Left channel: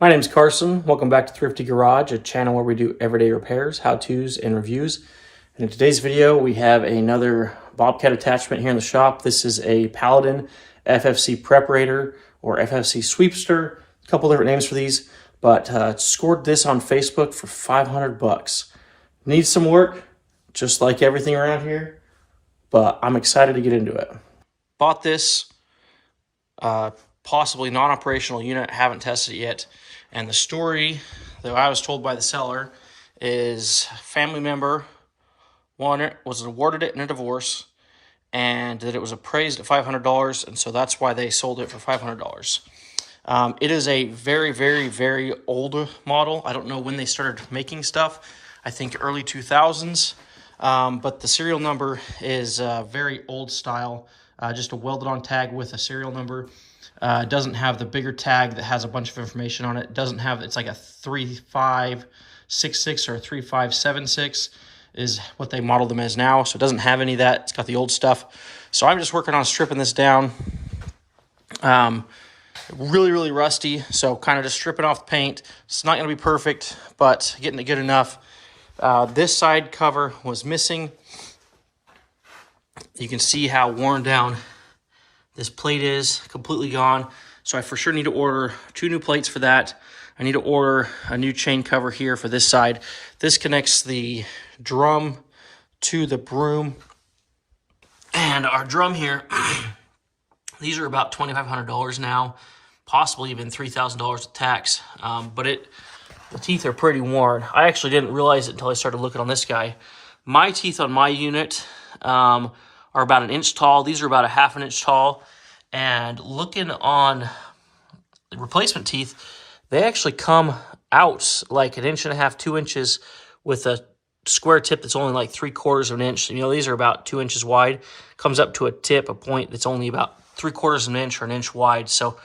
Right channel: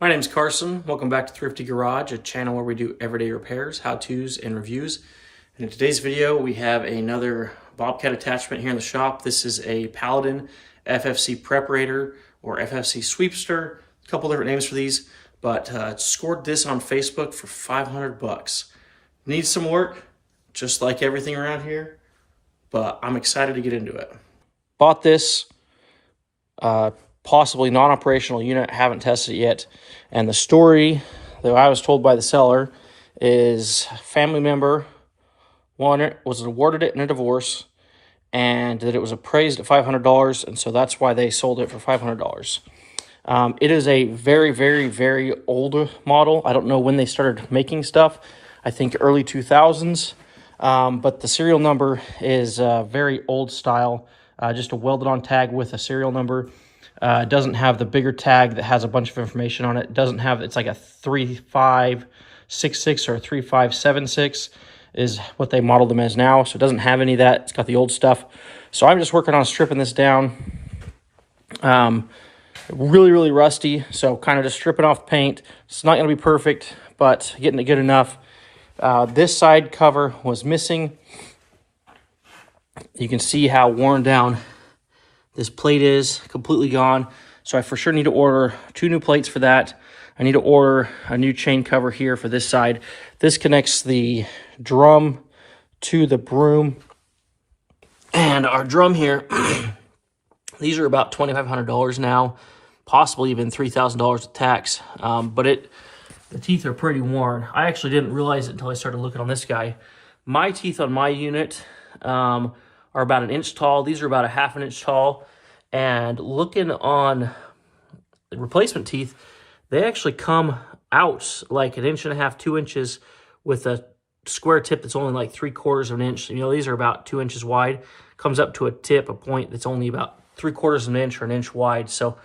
My name is Carson. Welcome back to Thrifty Garage, a channel where we do everyday repairs, how-tos, and reviews. And in today's video, we have another Bobcat attachment here in the shop. This is a Paladin FFC Preparator or FFC Sweepster. A couple different names for these, but scored this on Facebook for 500 bucks. Needs some work, just like everything around here, but I'm excited to get into it. Bought this possibly non-operational unit, haven't tested it yet. And the story that I was told by the seller is a family member was awarded it in a divorce and that it was appraised at $500, and so that's why they sold it for $500. It is a very, very, very old model. I don't know when they started making stuff. I think early 2000s, but the serial number is very old style, just a welded on tag with a serial number. It doesn't have the bigger tag that has a bunch of information on it. It doesn't have, it's like a 3566 or a 3576 is what they modeled them as now. So it doesn't have any of that. It's got the old stuff. So I'm just working on stripping this down. Really, really rusty. So kind of just stripping off the paint. It's not going to be perfect, but getting it good enough. This side cover was missing. You can see how worn down this plate is, completely gone. So I for sure need to order 2 new plates for that. I need to order a new chain cover here for this side. This connects the drum to the broom. And our drum here, these are about $2,500 now, possibly even $3,000 with tax. But the teeth are pretty worn. I actually didn't realize it until I started looking on this guy. My teeth on my unit are about 1 inch tall. These are about 1/2 inch tall. And looking on the replacement teeth, they actually come out like 1.5 inches, 2 inches with a square tip that's only like 3/4 of an inch. You know, these are about 2 inches wide. Comes up to a tip, a point that's only about 3/4 of an inch or 1 inch wide. So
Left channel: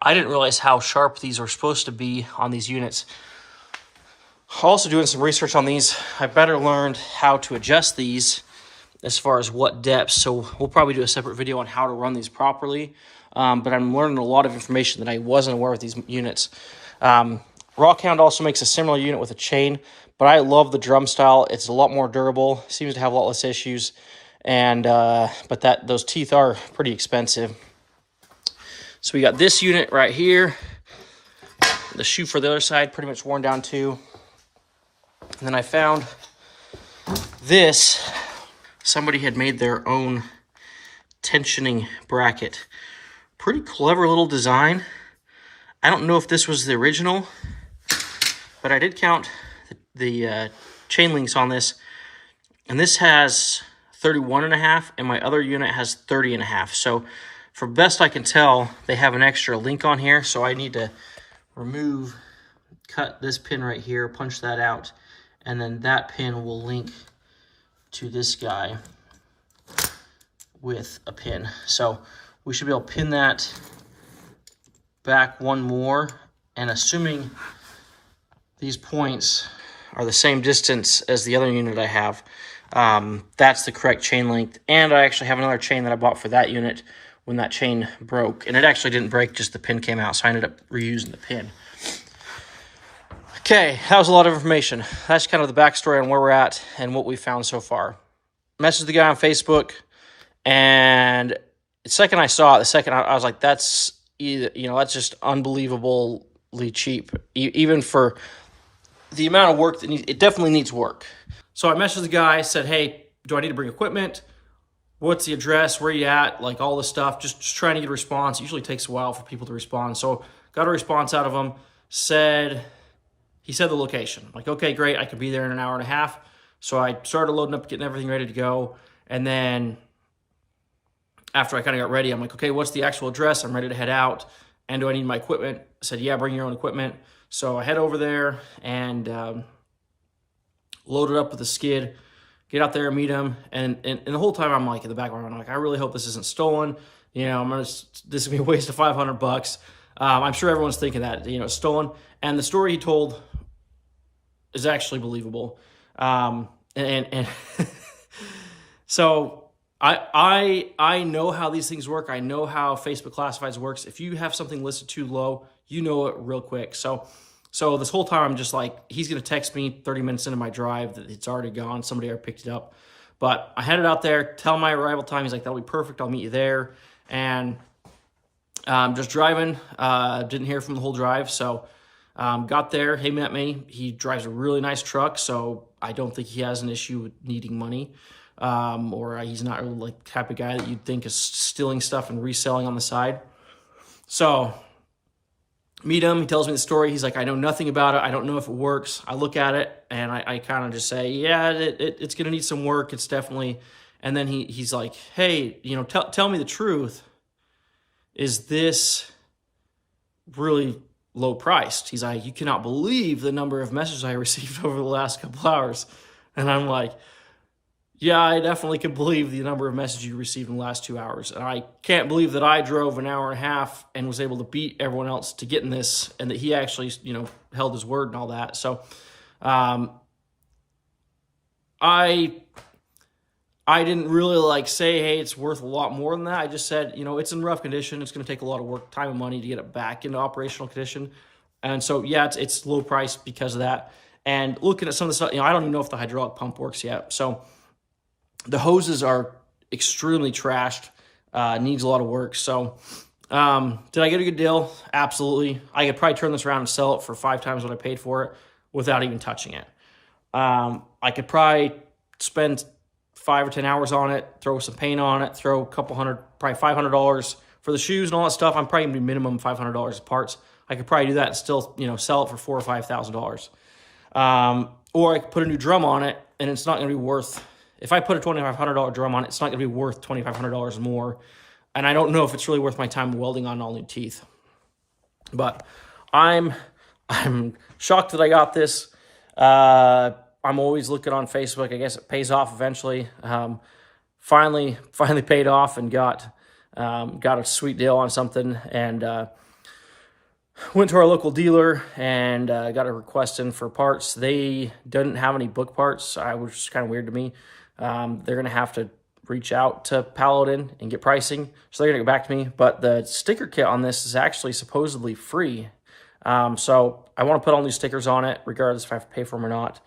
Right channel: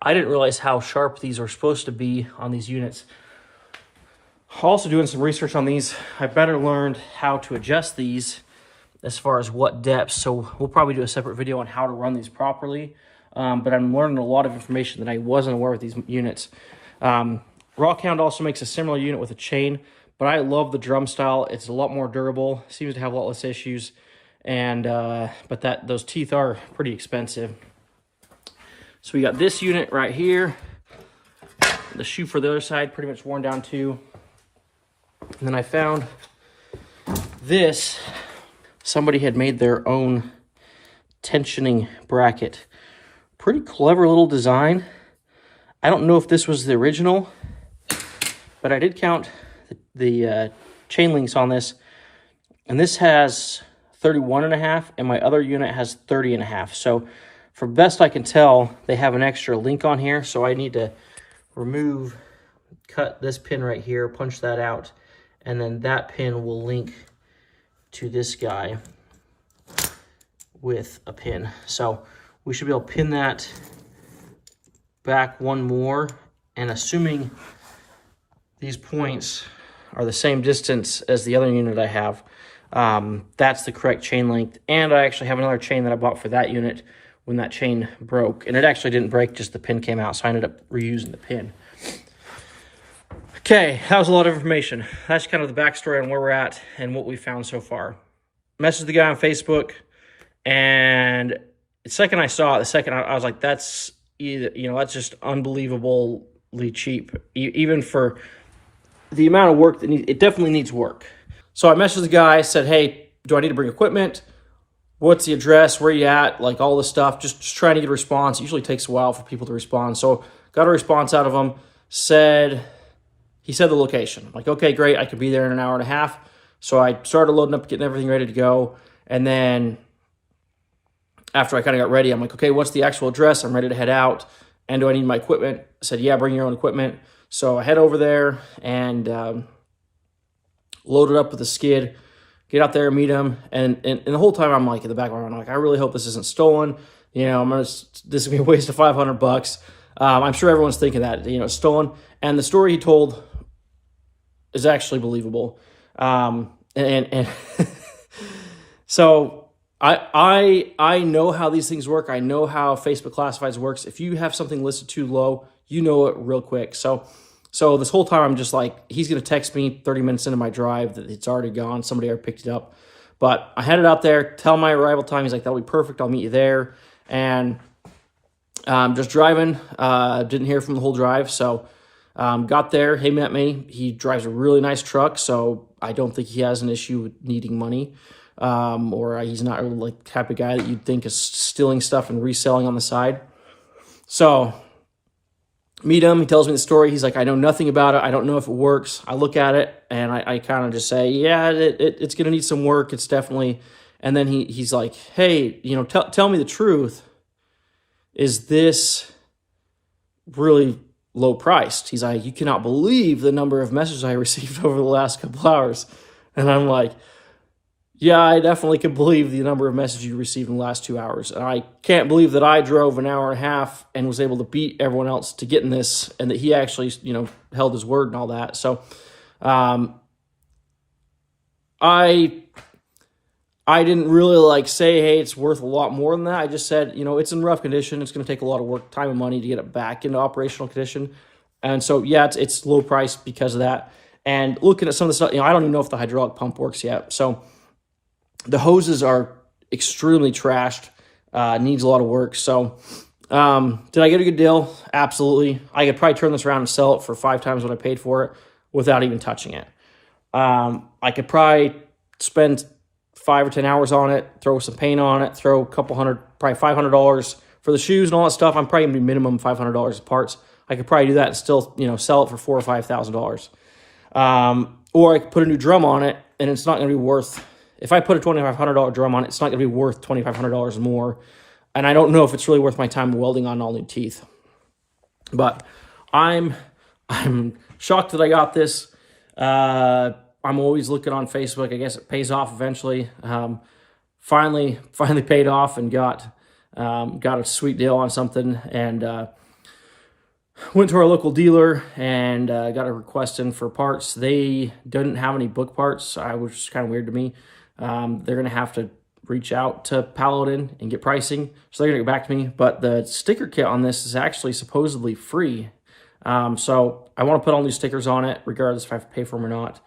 I didn't realize how sharp these are supposed to be on these units. Also doing some research on these, I better learned how to adjust these as far as what depth. So we'll probably do a separate video on how to run these properly. But I'm learning a lot of information that I wasn't aware with these units. Rockhound also makes a similar unit with a chain, but I love the drum style. It's a lot more durable, seems to have a lot less issues. And but those teeth are pretty expensive. So we got this unit right here. The shoe for the other side, pretty much worn down too. And then I found this. Somebody had made their own tensioning bracket. Pretty clever little design. I don't know if this was the original, but I did count the chain links on this. And this has 31.5, and my other unit has 30.5. So for best I can tell, they have an extra link on here. So I need to cut this pin right here, punch that out, and then that pin will link to this guy with a pin. So we should be able to pin that back one more, and assuming these points are the same distance as the other unit I have, that's the correct chain length. And I actually have another chain that I bought for that unit when that chain broke, and it actually didn't break, just the pin came out, so I ended up reusing the pin. Okay, that was a lot of information. That's kind of the backstory on where we're at and what we found so far. Messaged the guy on Facebook, and the second I saw it, I was like, that's just unbelievably cheap, even for the amount of work that it definitely needs work. So I messaged the guy, said, hey, do I need to bring equipment? What's the address? Where you at? Like all this stuff, just trying to get a response. It usually takes a while for people to respond. So got a response out of him, he said the location. I'm like, okay, great. I could be there in 1.5 hours. So I started loading up, getting everything ready to go. And then after I kind of got ready, I'm like, okay, what's the actual address? I'm ready to head out. And do I need my equipment? I said, yeah, bring your own equipment. So I head over there and load it up with a skid, get out there and meet him. And the whole time I'm like, in the background, I'm like, I really hope this isn't stolen. You know, this is going to be a waste of 500 bucks. I'm sure everyone's thinking that, you know, stolen. And the story he told is actually believable. So I know how these things work. I know how Facebook Classifieds works. If you have something listed too low, you know it real quick. So So this whole time I'm just like, he's going to text me 30 minutes into my drive that it's already gone. Somebody already picked it up. But I headed out there, tell my arrival time. He's like, that'll be perfect. I'll meet you there. And just driving, didn't hear from the whole drive. So got there, he met me. He drives a really nice truck, so I don't think he has an issue with needing money. Or he's not really like the type of guy that you'd think is stealing stuff and reselling on the side. So meet him, he tells me the story. He's like, I know nothing about it. I don't know if it works. I look at it and I kind of just say, yeah, it's going to need some work. It's definitely. And then he's like, hey, you know, tell me the truth. Is this really low priced? He's like, you cannot believe the number of messages I received over the last couple hours. And I'm like, yeah, I definitely can believe the number of messages you received in the last 2 hours. And I can't believe that I drove an hour and a half and was able to beat everyone else to get in this, and that he actually, you know, held his word and all that. So I didn't really like say, hey, it's worth a lot more than that. I just said, you know, it's in rough condition. It's going to take a lot of work, time, and money to get it back into operational condition. And so, yeah, it's low price because of that. And looking at some of the stuff, you know, I don't even know if the hydraulic pump works yet. So the hoses are extremely trashed, needs a lot of work. So did I get a good deal? Absolutely. I could probably turn this around and sell it for 5 times what I paid for it without even touching it. I could probably spend 5 or 10 hours on it, throw some paint on it, throw a couple hundred, probably $500 for the shoes and all that stuff. I'm probably gonna be minimum $500 of parts. I could probably do that and still, you know, sell it for $4,000 or $5,000. Or I could put a new drum on it, and it's not gonna be worth. If I put a $2,500 drum on it, it's not gonna be worth $2,500 more. And I don't know if it's really worth my time welding on all new teeth. But I'm shocked that I got this. I'm always looking on Facebook. I guess it pays off eventually. Finally paid off and got a sweet deal on something, and went to our local dealer and got a request in for parts. They didn't have any book parts, which is kind of weird to me. They're going to have to reach out to Paladin and get pricing. So they're going to get back to me. But the sticker kit on this is actually supposedly free. So I want to put all new stickers on it, regardless if I have to pay for them or not,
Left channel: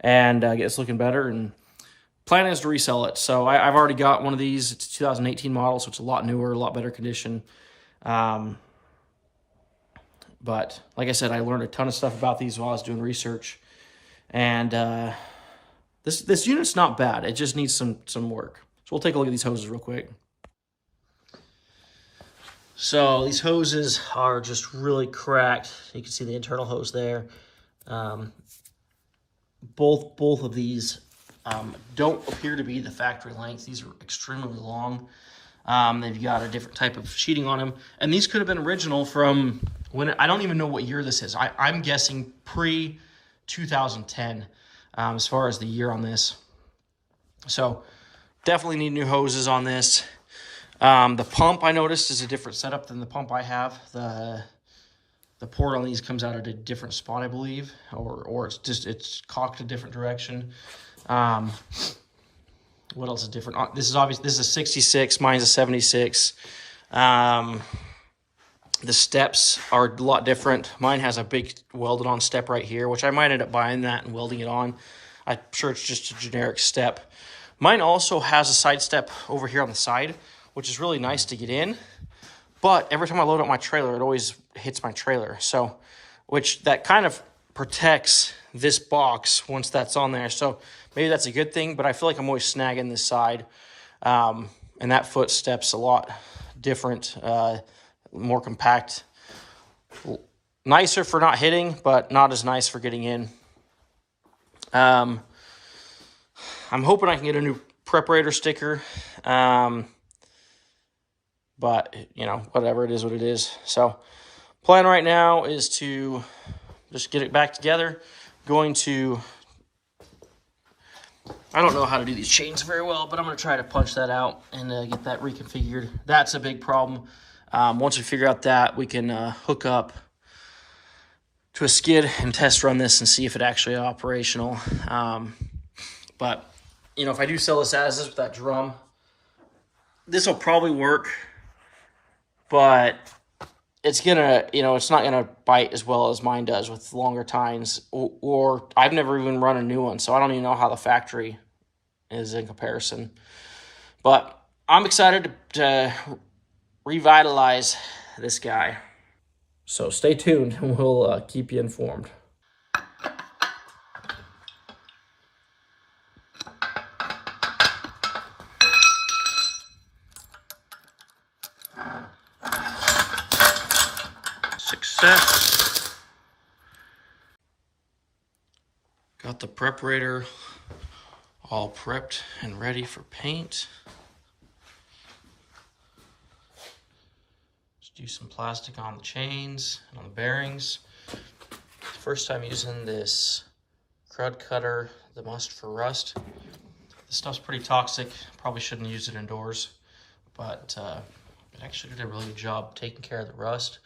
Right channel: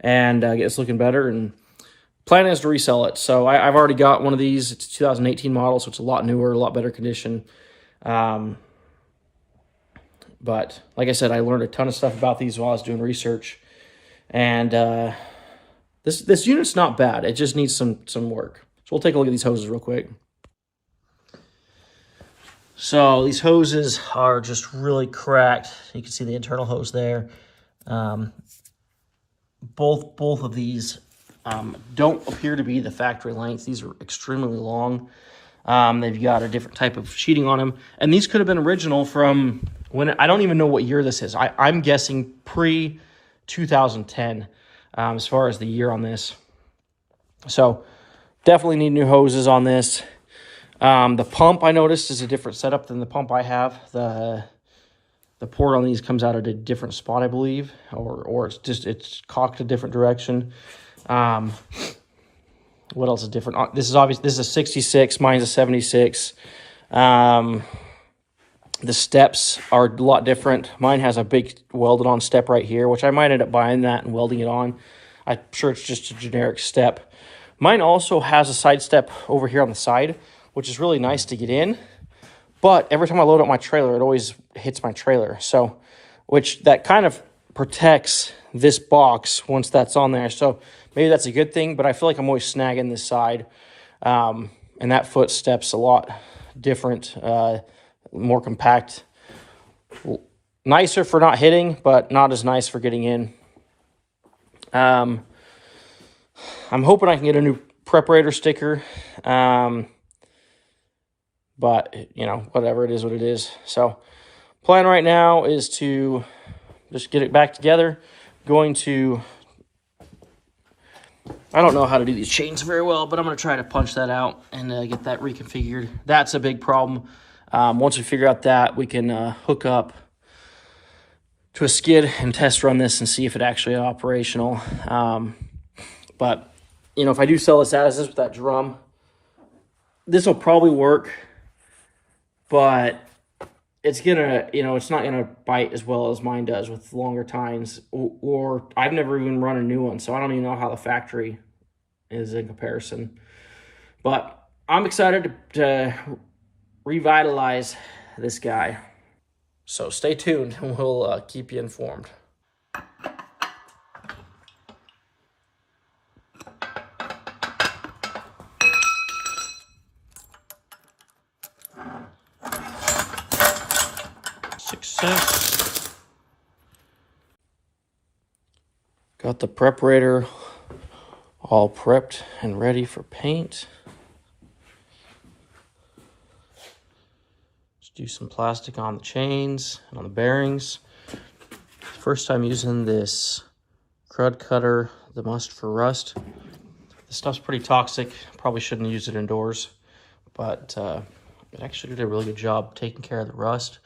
and get this looking better. And plan is to resell it. So I've already got one of these. It's a 2018 model, so it's a lot newer, a lot better condition. But like I said, I learned a ton of stuff about these while I was doing research. And this unit's not bad. It just needs some work. So we'll take a look at these hoses real quick. So these hoses are just really cracked. You can see the internal hose there. Both of these don't appear to be the factory length. These are extremely long. They've got a different type of sheeting on them. And these could have been original from when, I don't even know what year this is. I'm guessing pre-2010 as far as the year on this. So definitely need new hoses on this. The pump, I noticed, is a different setup than the pump I have. The port on these comes out at a different spot, I believe, or it's cocked a different direction. What else is different? This is a 66, mine's a 76. The steps are a lot different. Mine has a big welded on step right here, which I might end up buying that and welding it on. I'm sure it's just a generic step. Mine also has a side step over here on the side, which is really nice to get in. But every time I load up my trailer, it always hits my trailer. So, which that kind of protects this box once that's on there. So maybe that's a good thing, but I feel like I'm always snagging this side. And that footstep's a lot different, more compact. Nicer for not hitting, but not as nice for getting in. I'm hoping I can get a new preparator sticker. But, you know, whatever, it is what it is. So, plan right now is to just get it back together. Going to, I don't know how to do these chains very well, but I'm going to try to punch that out and get that reconfigured. That's a big problem. Once we figure out that, we can hook up to a skid and test run this and see if it actually is operational. But, you know, if I do sell this as is with that drum, this will probably work. But it's gonna, it's not gonna bite as well as mine does with longer tines, or I've never even run a new one, so I don't even know how the factory is in comparison. But I'm excited to revitalize this guy. So stay tuned and we'll keep you informed. Success. Got the preparator all prepped and ready for paint. Just do some plastic on the chains and on the bearings. First time using this crud cutter, the Must for Rust. This stuff's pretty toxic. Probably shouldn't use it indoors, but it actually did a really good job taking care of the rust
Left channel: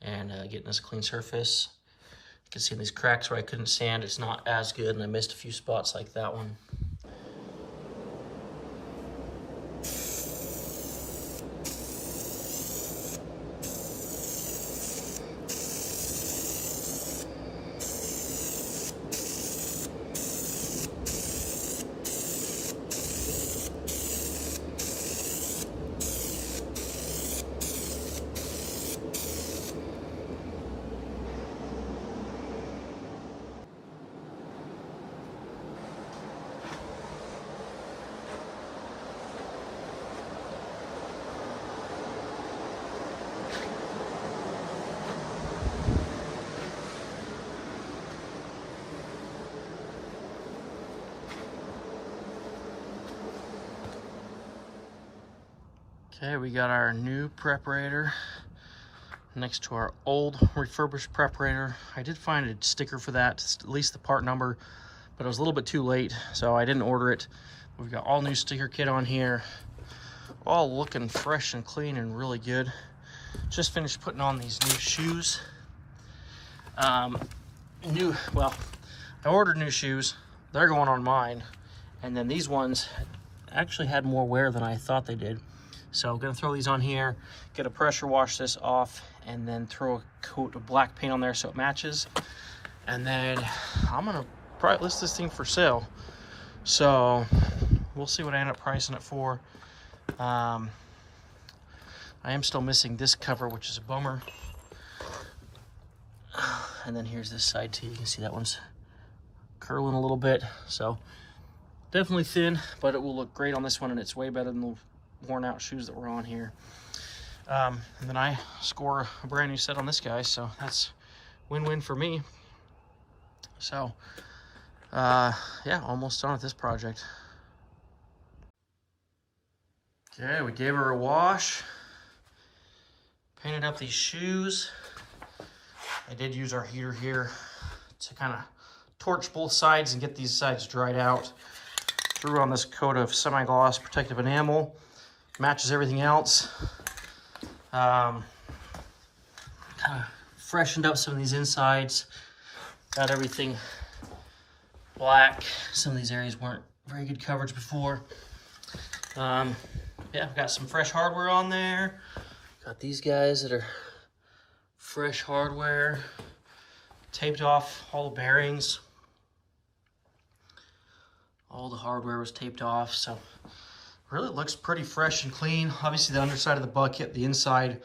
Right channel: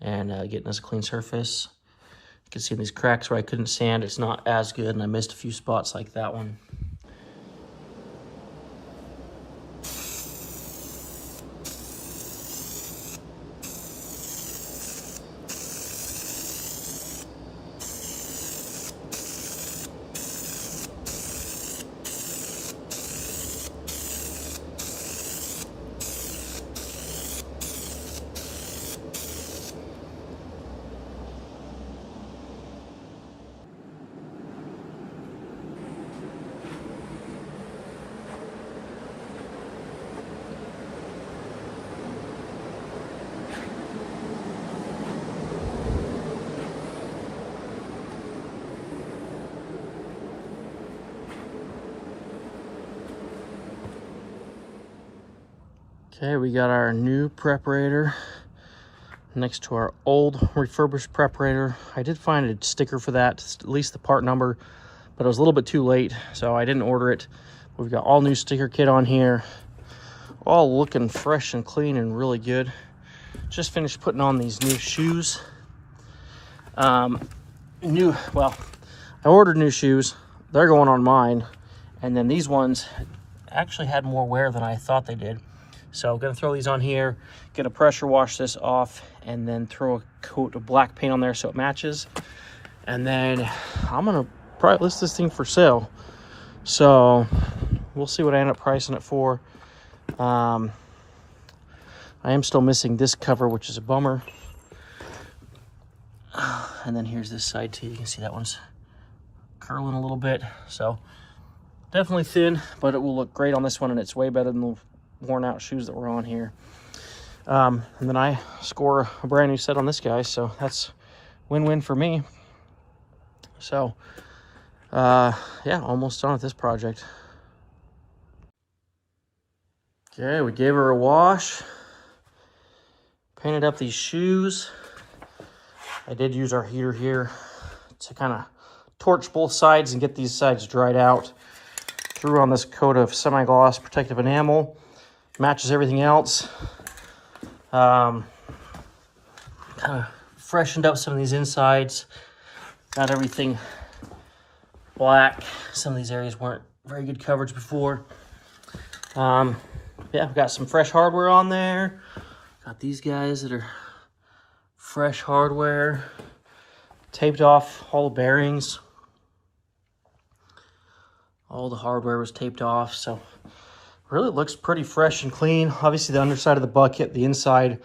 and getting us a clean surface. You can see these cracks where I couldn't sand, it's not as good, and I missed a few spots like that one. Okay, we got our new preparator next to our old refurbished preparator. I did find a sticker for that, at least the part number, but it was a little bit too late, so I didn't order it. We've got all new sticker kit on here, all looking fresh and clean and really good. Just finished putting on these new shoes. I ordered new shoes. They're going on mine, and then these ones actually had more wear than I thought they did. So I'm gonna throw these on here, gonna pressure wash this off, and then throw a coat of black paint on there so it matches. And then I'm gonna probably list this thing for sale. So we'll see what I end up pricing it for. I am still missing this cover, which is a bummer. And then here's this side too. You can see that one's curling a little bit. So definitely thin, but it will look great on this one, and it's way better than the worn out shoes that were on here. And then I score a brand new set on this guy, so that's win-win for me. So yeah, almost done with this project. Okay, we gave her a wash, painted up these shoes. I did use our heater here to kind of torch both sides and get these sides dried out. Threw on this coat of semi-gloss protective enamel. Matches everything else. Kind of freshened up some of these insides. Got everything black. Some of these areas weren't very good coverage before. Yeah, I've got some fresh hardware on there. Got these guys that are fresh hardware. Taped off all the bearings. All the hardware was taped off, so really looks pretty fresh and clean. Obviously the underside of the bucket, the inside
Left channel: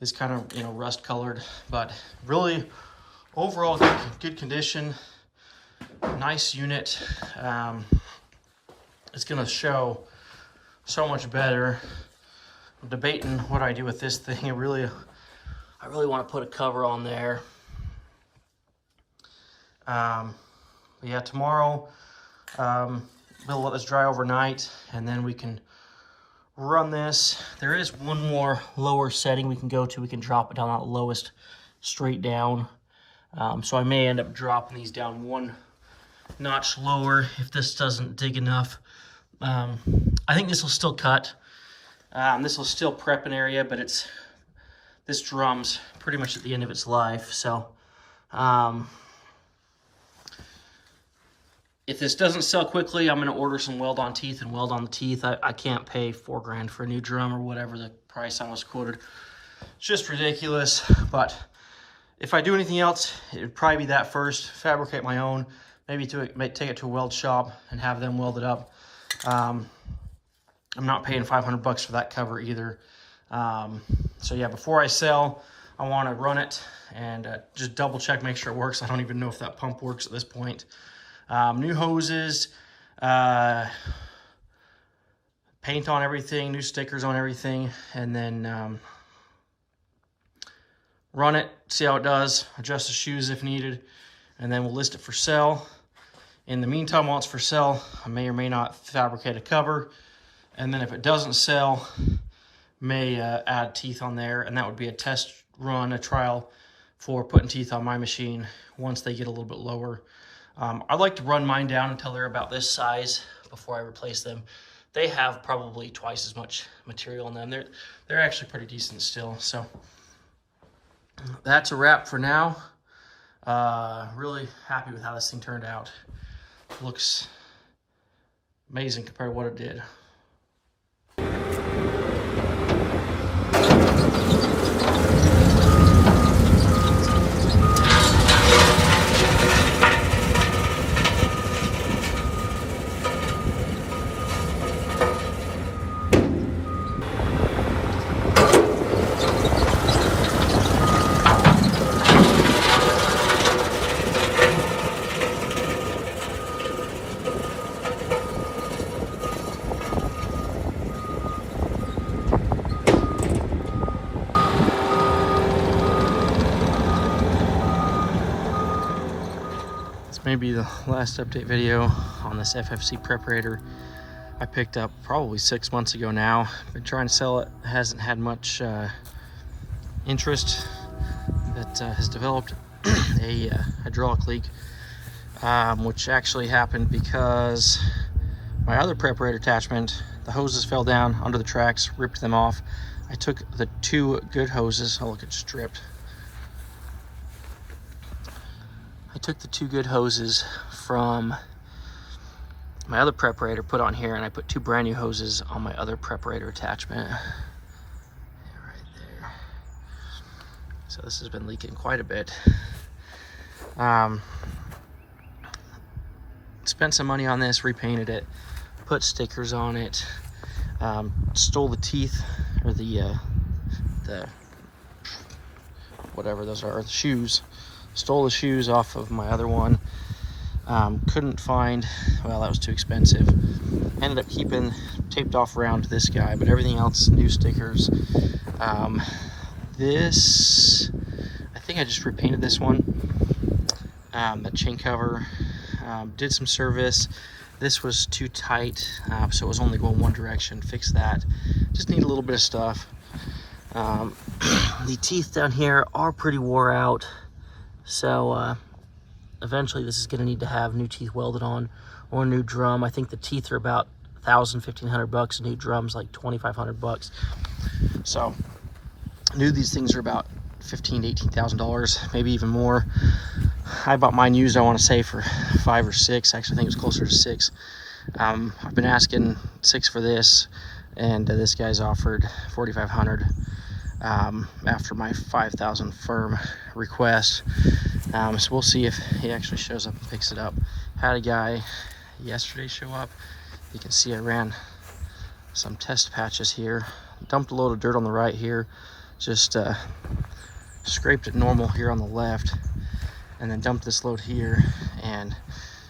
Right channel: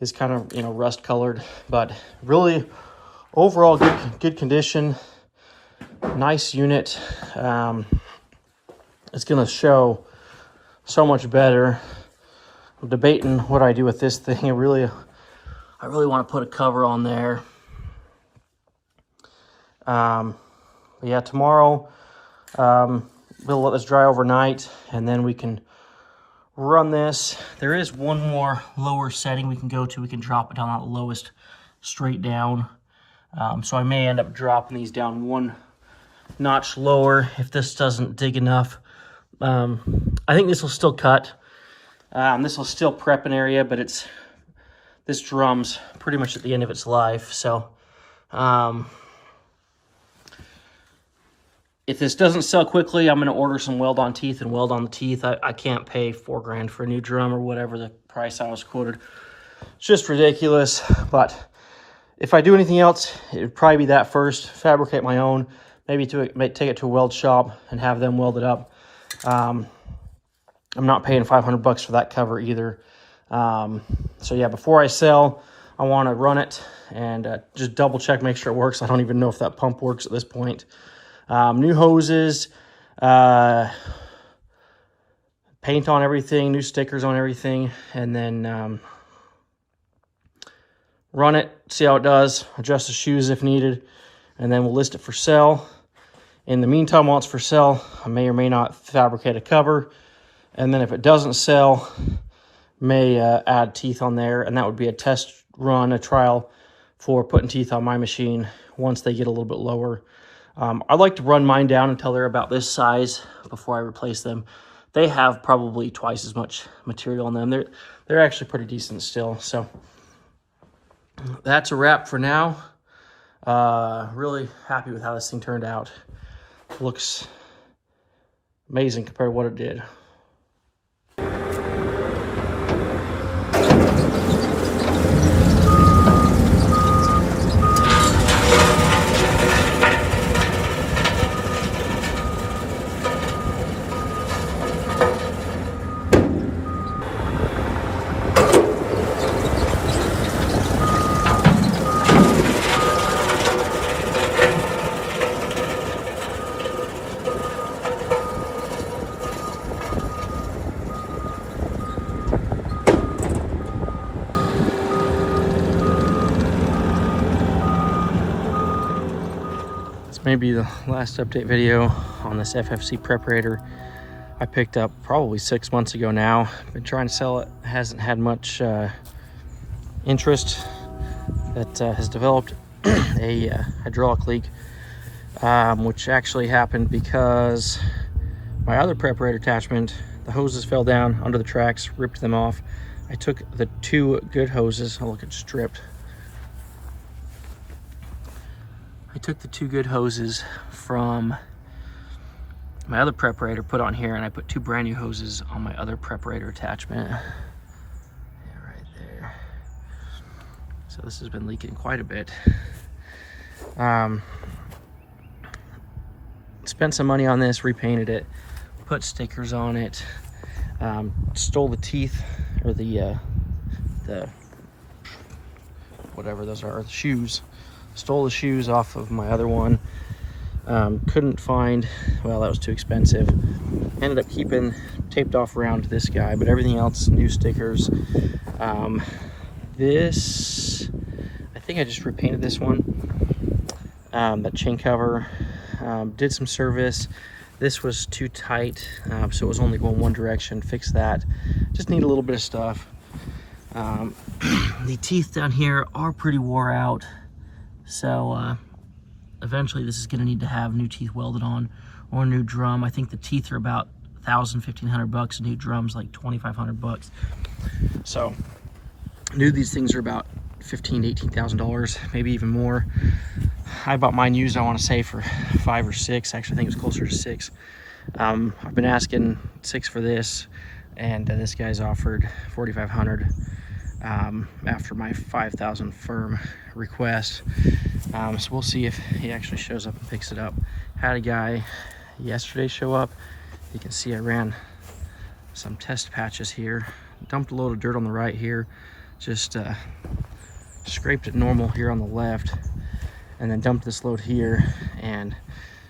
is kind of, rust colored, but really overall good condition. Nice unit. It's gonna show so much better. I'm debating what I do with this thing. I really want to put a cover on there. But yeah, tomorrow we'll let this dry overnight, and then we can run this. There is one more lower setting we can go to. We can drop it down at the lowest straight down. So I may end up dropping these down one notch lower if this doesn't dig enough. I think this will still cut. This will still prep an area, but this drum's pretty much at the end of its life. So if this doesn't sell quickly, I'm going to order some weld-on teeth and weld on the teeth. I can't pay $4 grand for a new drum or whatever the price I was quoted. It's just ridiculous. But if I do anything else, it would probably be that first. Fabricate my own, maybe take it to a weld shop and have them weld it up. I'm not paying 500 bucks for that cover either. So yeah, before I sell, I want to run it and just double check, make sure it works. I don't even know if that pump works at this point. New hoses, paint on everything, new stickers on everything, and then run it, see how it does, adjust the shoes if needed, and then we'll list it for sale. In the meantime, while it's for sale, I may or may not fabricate a cover, and then if it doesn't sell, may add teeth on there, and that would be a test run, a trial for putting teeth on my machine once they get a little bit lower. I like to run mine down until they're about this size before I replace them. They have probably twice as much material in them. They're actually pretty decent still. So that's a wrap for now. Really happy with how this thing turned out. Looks amazing compared to what it did. Maybe the last update video on this FFC preparator I picked up probably 6 months ago now. Been trying to sell it, hasn't had much interest. That has developed a hydraulic leak, which actually happened because my other preparator attachment, the hoses fell down under the tracks, ripped them off. I took the 2 good hoses, oh look, it's stripped. I took the 2 good hoses from my other preparator, put on here, and I put 2 brand new hoses on my other preparator attachment. Right there. So this has been leaking quite a bit. Spent some money on this, repainted it, put stickers on it, stole the teeth, or the whatever those are, the shoes. Stole the shoes off of my other one. Couldn't find, well, that was too expensive. Ended up keeping taped off around this guy, but everything else, new stickers. This, I think I just repainted this one. That chain cover, did some service. This was too tight, so it was only going one direction. Fixed that. Just need a little bit of stuff. The teeth down here are pretty wore out. So eventually this is going to need to have new teeth welded on or a new drum. I think the teeth are about $1,000–1,500 bucks. A new drum's like $2,500 bucks. So I knew these things are about $15,000 to $18,000, maybe even more. I bought mine used, I want to say, for 5 or 6. Actually, I think it was closer to 6. I've been asking 6 for this, and this guy's offered $4,500. After my 5,000 firm request. So we'll see if he actually shows up and picks it up. Had a guy yesterday show up. You can see I ran some test patches here. Dumped a load of dirt on the right here. Just scraped it normal here on the left. And then dumped this load here and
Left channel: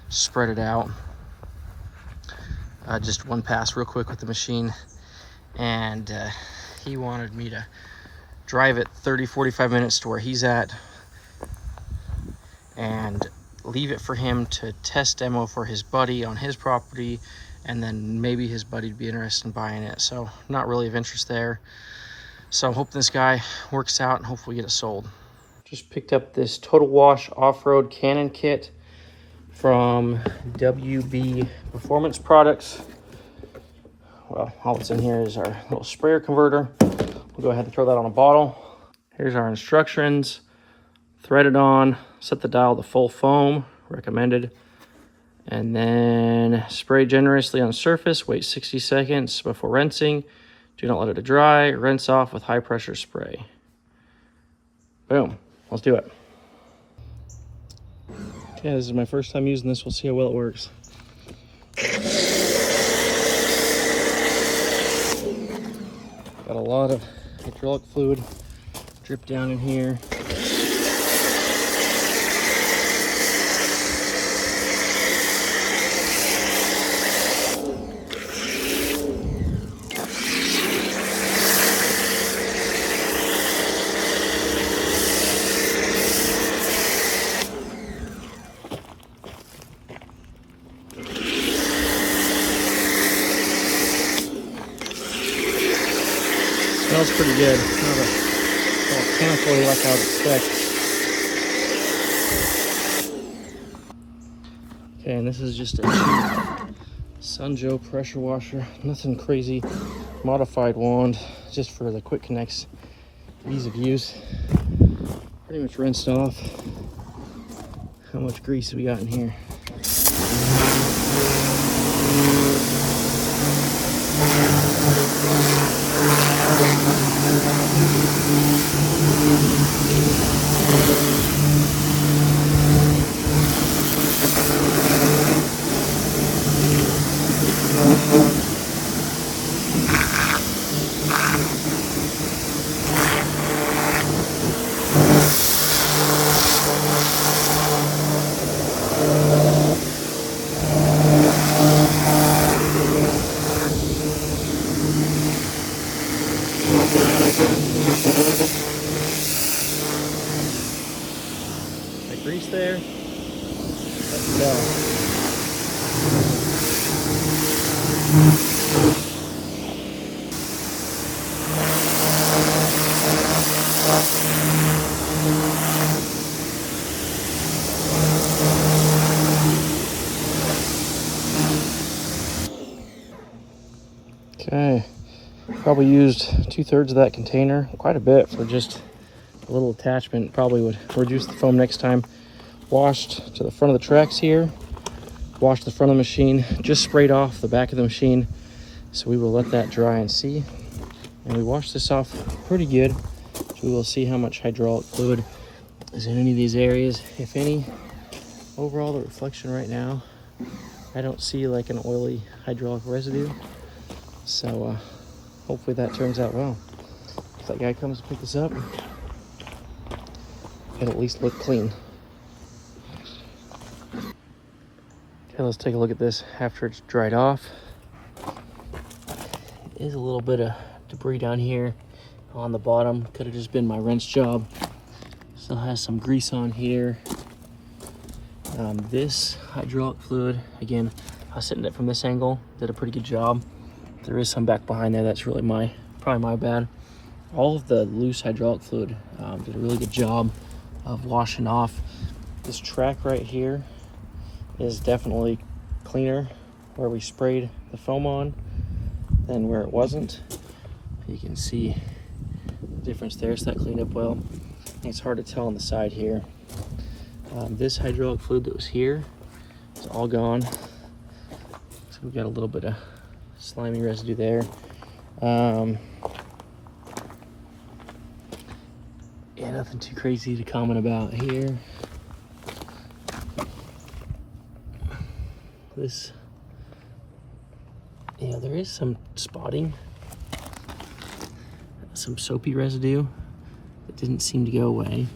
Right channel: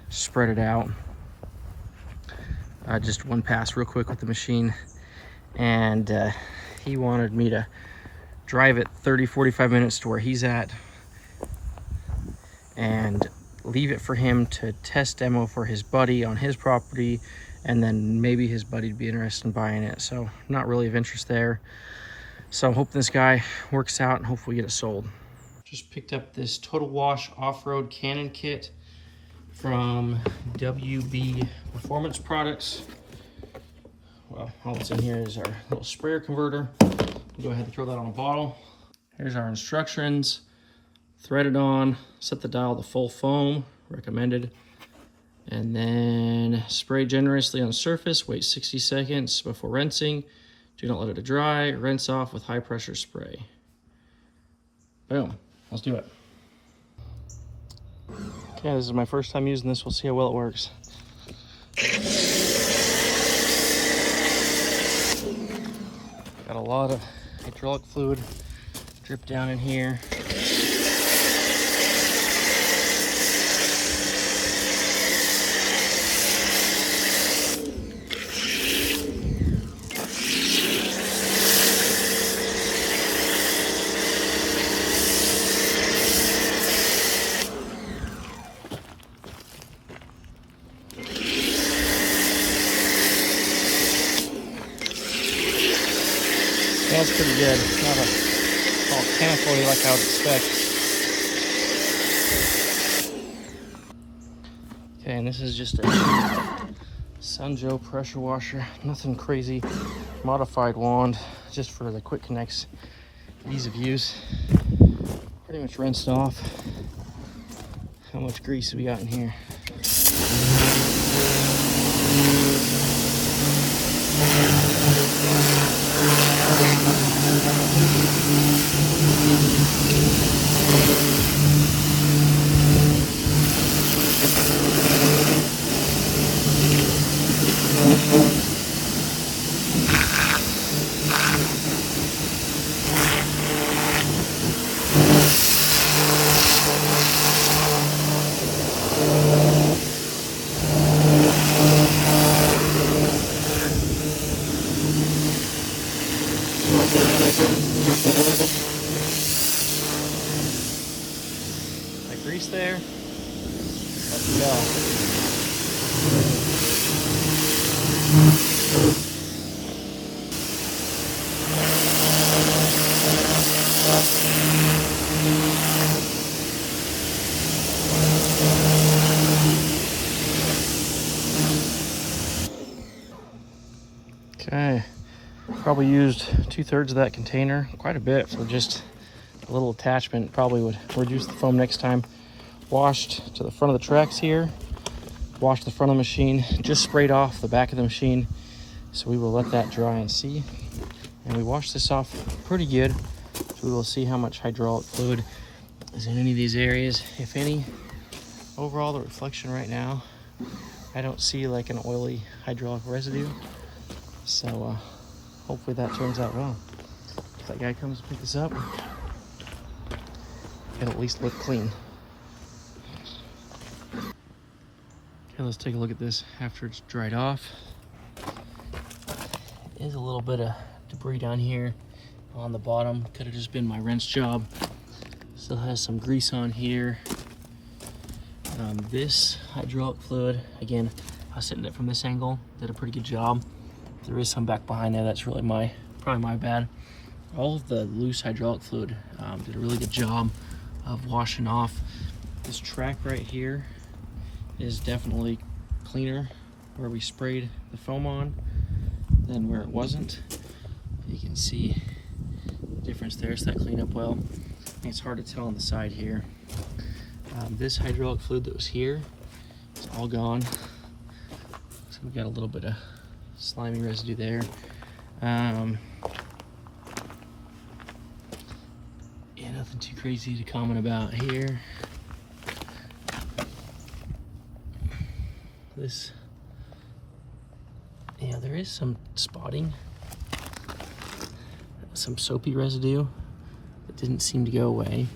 spread it out. Just one pass real quick with the machine. And he wanted me to drive it 30–45 minutes to where he's at and leave it for him to test demo for his buddy on his property, and then maybe his buddy would be interested in buying it. So not really of interest there. So I'm hoping this guy works out and hopefully get it sold. Just picked up this Total Wash off-road Cannon kit from WB Performance Products. Well, all that's in here is our little sprayer converter. We'll go ahead and throw that on a bottle. Here's our instructions. Thread it on, set the dial to full foam, recommended. And then spray generously on the surface, wait 60 seconds before rinsing. Do not let it dry, rinse off with high pressure spray. Boom. Let's do it. Okay, this is my first time using this. We'll see how well it works. Got a lot of hydraulic fluid drip down in here. Smells pretty good. It's not a volcanical like I would expect. Okay, and this is just a Sunjo pressure washer. Nothing crazy. Modified wand, just for the quick connects, ease of use. Pretty much rinsed off. How much grease have we got in here? The grease there. Let's go. Okay, probably used 2/3 of that container, quite a bit for just a little attachment. Probably would reduce the foam next time. Washed to the front of the tracks here, washed the front of the machine, just sprayed off the back of the machine. So we will let that dry and see. And we washed this off pretty good. So we will see how much hydraulic fluid is in any of these areas, if any. Overall, the reflection right now, I don't see like an oily hydraulic residue. So hopefully that turns out well. If that guy comes to pick this up, it'll at least look clean. Okay, let's take a look at this after it's dried off. There is a little bit of debris down here on the bottom. Could have just been my rinse job. Still has some grease on here. This hydraulic fluid, again, I was sitting it from this angle, did a pretty good job. There is some back behind there that's really probably my bad. All of the loose hydraulic fluid did a really good job of washing off. This track right here is definitely cleaner where we sprayed the foam on than where it wasn't. You can see the difference there, so that cleaned up well. I think it's hard to tell on the side here. This hydraulic fluid that was here is all gone. So we've got a little bit of slimy residue there. Yeah, nothing too crazy to comment about here. This, yeah, there is some spotting, some soapy residue that didn't seem to go away.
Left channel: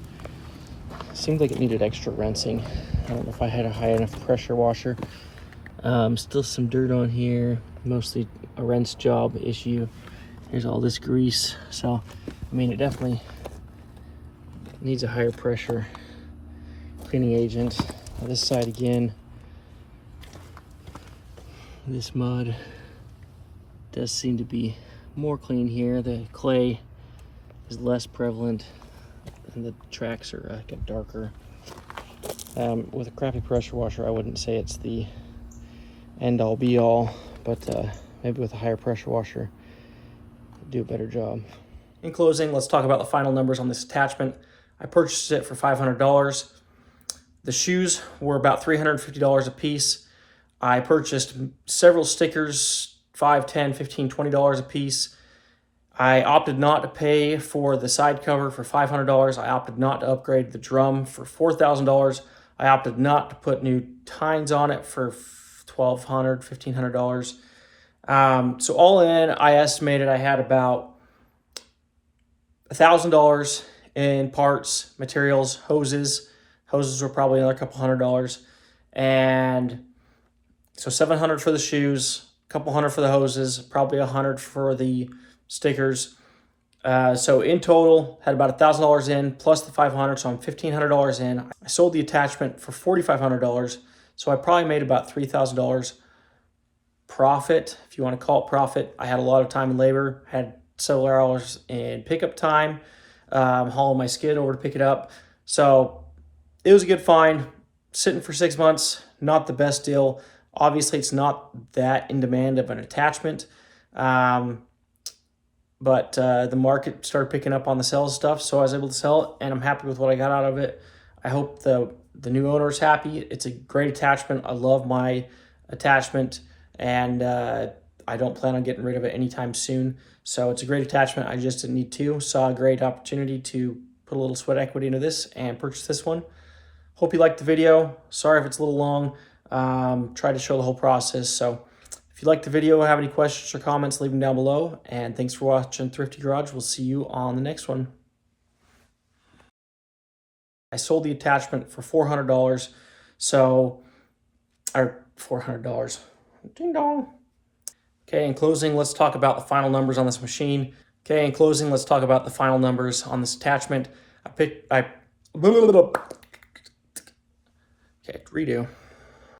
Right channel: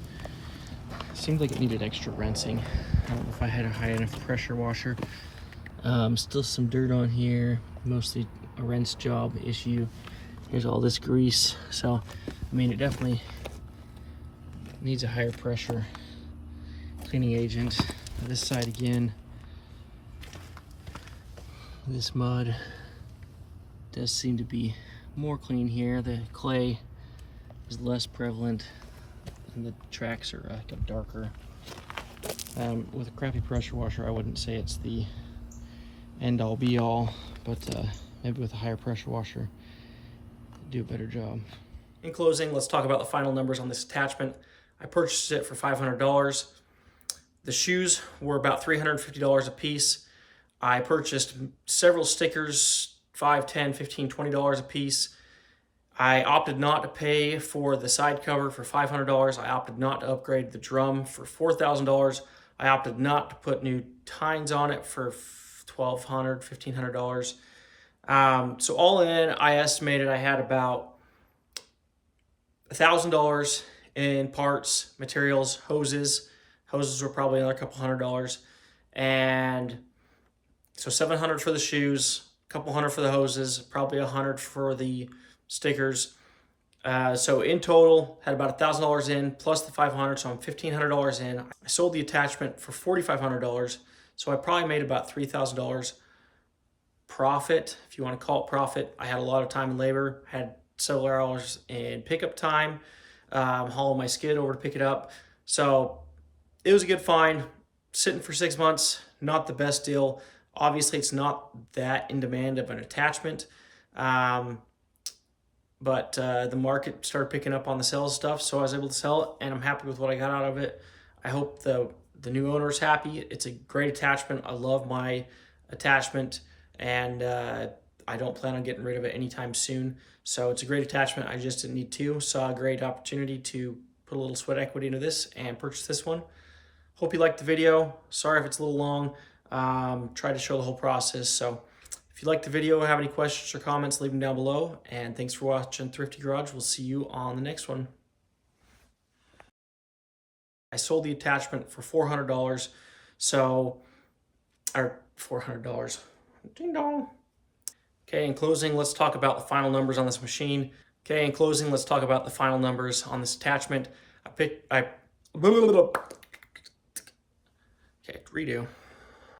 Seemed like it needed extra rinsing. I don't know if I had a high enough pressure washer. Still some dirt on here, mostly a rinse job issue. There's all this grease. So, I mean, it definitely needs a higher pressure cleaning agent. Now this side again, this mud does seem to be more clean here. The clay is less prevalent and the tracks are darker. With a crappy pressure washer, I wouldn't say it's the end all be all, but maybe with a higher pressure washer, do a better job. In closing, let's talk about the final numbers on this attachment. I purchased it for $500. The shoes were about $350 a piece. I purchased several stickers, $5, $10, $15, $20 a piece. I opted not to pay for the side cover for $500. I opted not to upgrade the drum for $4,000. I opted not to put new tines on it for $1,200, $1,500. So all in, I estimated I had about $1,000 in parts, materials, hoses. Hoses were probably another couple $100. And so $700 for the shoes, a couple $100 for the hoses, probably $100 for the stickers. So in total, had about $1,000 in plus the $500, so I'm $1,500 in. I sold the attachment for $4,500, so I probably made about $3,000 profit, if you want to call it profit. I had a lot of time and labor, had several hours in pickup time, hauling my skid over to pick it up. So it was a good find. Sitting for 6 months, not the best deal. Obviously, it's not that in demand of an attachment. But the market started picking up on the sales stuff, so I was able to sell it, and I'm happy with what I got out of it. I hope the new owner is happy. It's a great attachment. I love my attachment, and I don't plan on getting rid of it anytime soon. So it's a great attachment. I just didn't need to. Saw a great opportunity to put a little sweat equity into this and purchase this one. Hope you liked the video. Sorry if it's a little long. Try to show the whole process. So if you liked the video, have any questions or comments, leave them down below. And thanks for watching Thrifty Garage. We'll see you on the next one. I sold the attachment for $400. So, or $400. Ding dong. Okay, in closing, let's talk about the final numbers on this machine. Okay, in closing, let's talk about the final numbers on this attachment. Okay, redo.